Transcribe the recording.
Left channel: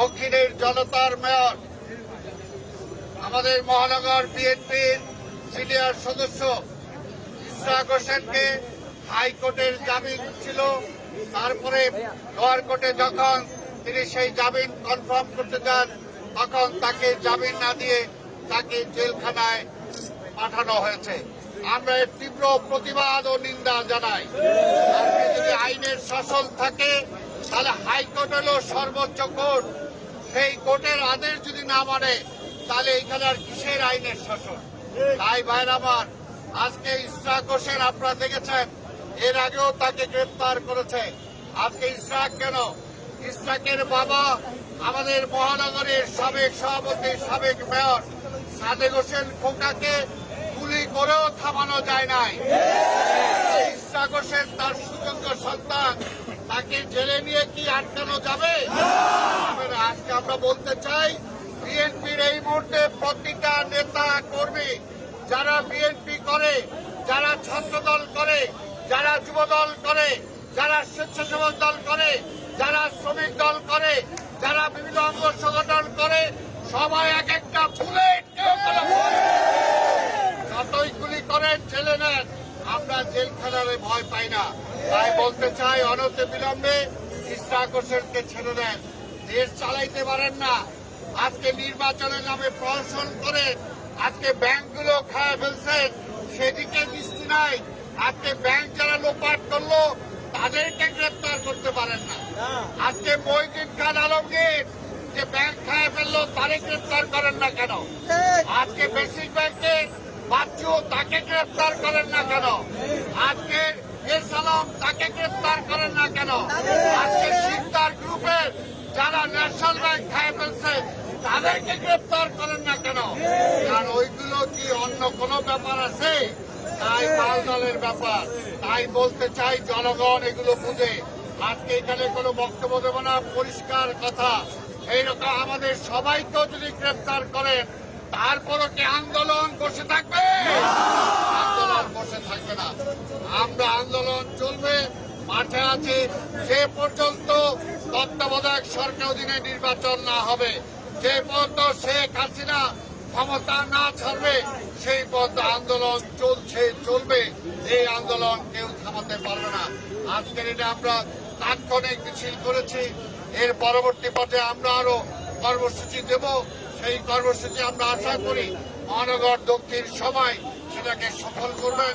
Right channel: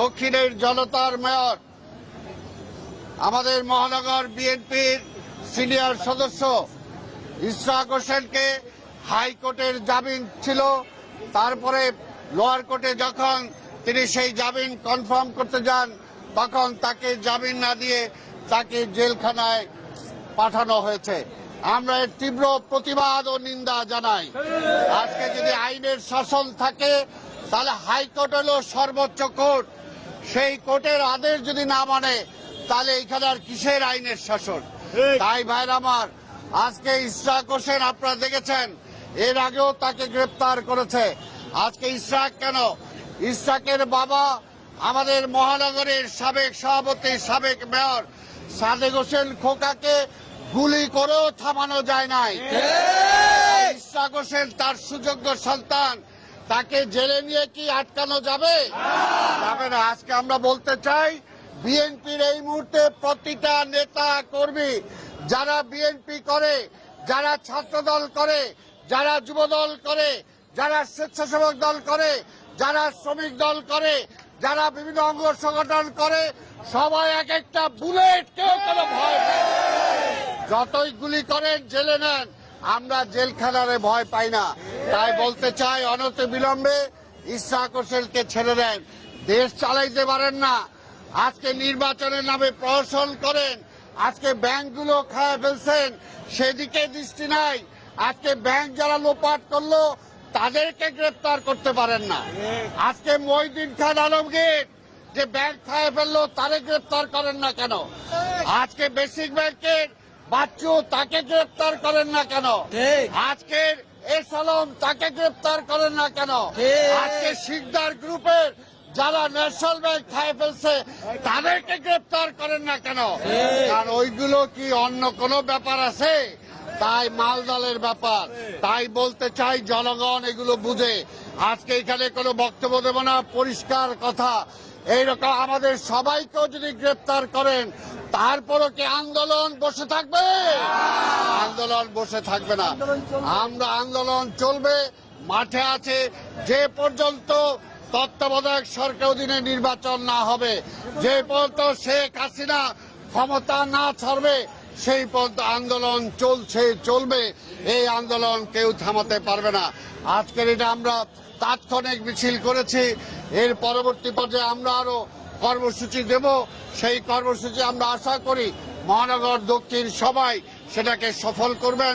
দক্ষিণের জনতার মেয়র, আমাদের মহানগর বিএনপির সিনিয়র সদস্য ইশরাক হোসেনকে হাইকোর্টের জামিন ছিল, তারপরে লোয়ার কোর্টে যখন তিনি সেই জামিন কনফার্ম করতে যান তখন তাকে জামিন না দিয়ে তাকে জেলখানায় পাঠানো হয়েছে। আমরা এর তীব্র প্রতিবাদ ও নিন্দা জানাই। আজকে যদি আইনের শাসন থাকে তাহলে হাইকোর্ট হলো সর্বোচ্চ কোর্ট, সেই কোর্টের আদেশ যদি না মানে তাহলে এখানে আর কিসের আইনের শাসন? তাই ভাইরা আমার, আজকে ইশরাক হোসেন আপনারা দেখেছেন, এর আগেও তাকে গ্রেপ্তার করেছে। আজকে ইশরাক কেন? ইশরাকের বাবা আমাদের মহানগরের সাবেক সভাপতি, সাবেক মেয়র সাদেক হোসেন খোকাকে গুলি করেও থামানো যায় নাই। ইশরাক হোসেন তার সুযোগ্য সন্তান, তাকে জেলে নিয়ে কি আটকানো যাবে? আজকে আমরা বলতে চাই, বিএনপির এই মুহূর্তে প্রতিটা নেতা কর্মী যারা বিএনপি করে, যারা ছাত্রদল করে, যারা যুবদল করে, যারা স্বেচ্ছাসেবক দল করে, যারা শ্রমিক দল করে, যারা বিভিন্ন অঙ্গ সংগঠন করে, সবাই এক একটা বুলেট, কেউ কোনো ভয় নেই। যতই গুলি করেন জেলে নেন, আমরা জেলখানারে ভয় পাই না। তাই বলতে চাই, অনতি বিলম্বে ইশরাক হোসেনকে ছেড়ে দেন। দেশ চালাইতে পারেন না। আজকে নির্বাচনের নামে প্রহসন করেন, আজকে ব্যাংকগুলো খায় ফেলছেন, সেদিকে দৃষ্টি নাই। আজকে ব্যাংক যারা লোপাট করলো তাদেরকে গ্রেপ্তার করতে পারেন না। আজকে মহিউদ্দিন খান আলমগীর যে ব্যাংক খায় ফেললো তারে গ্রেপ্তার করেন না কেন? আজকে বেসিক ব্যাংকের বাচ্চু, তাকে গ্রেপ্তার করেন না কেন? আজকে এস আলম, তাকে গ্রেপ্তার করেন না কেন? আজকে শিকদার গ্রুপের যারা ন্যাশনাল ব্যাংক খায় ফেলছে তাদেরকে গ্রেপ্তার করেন না কেন? কারণ ওইগুলো কি অন্য কোনো ব্যাপার আছে? তাই মালদলের ব্যাপার। তাই বলতে চাই, জনগণ এগুলো বুঝে। আজকে এখানে কোনো বক্তব্য দেব না, পরিষ্কার কথা। এইরকম আমাদের সবাইকেও যদি গ্রেপ্তার করেন, তারপরও কি আন্দোলন বসে থাকবে? আন্দোলন বসে থাকবে না। আমরা আন্দোলন চলবে, মাঠে আছে যে পর্যন্ত তত্ত্বাবধায়ক সরকার অধীনে নির্বাচন না হবে, যে পর্যন্ত শেখ হাসিনা ক্ষমতা না ছাড়বে, সেই পর্যন্ত আন্দোলন চলবে। এই আন্দোলন কেউ থামাতে পারবে না। আজকের এটা আমরা তাৎক্ষণিক মিছিল করেছি, এর পরবর্তী পর্যায়ে আমরা আরো কর্মসূচি দেব। সেই কর্মসূচি আমরা আশা করি মহানগর দক্ষিণ সবাই সেটাকে সফল করবেন।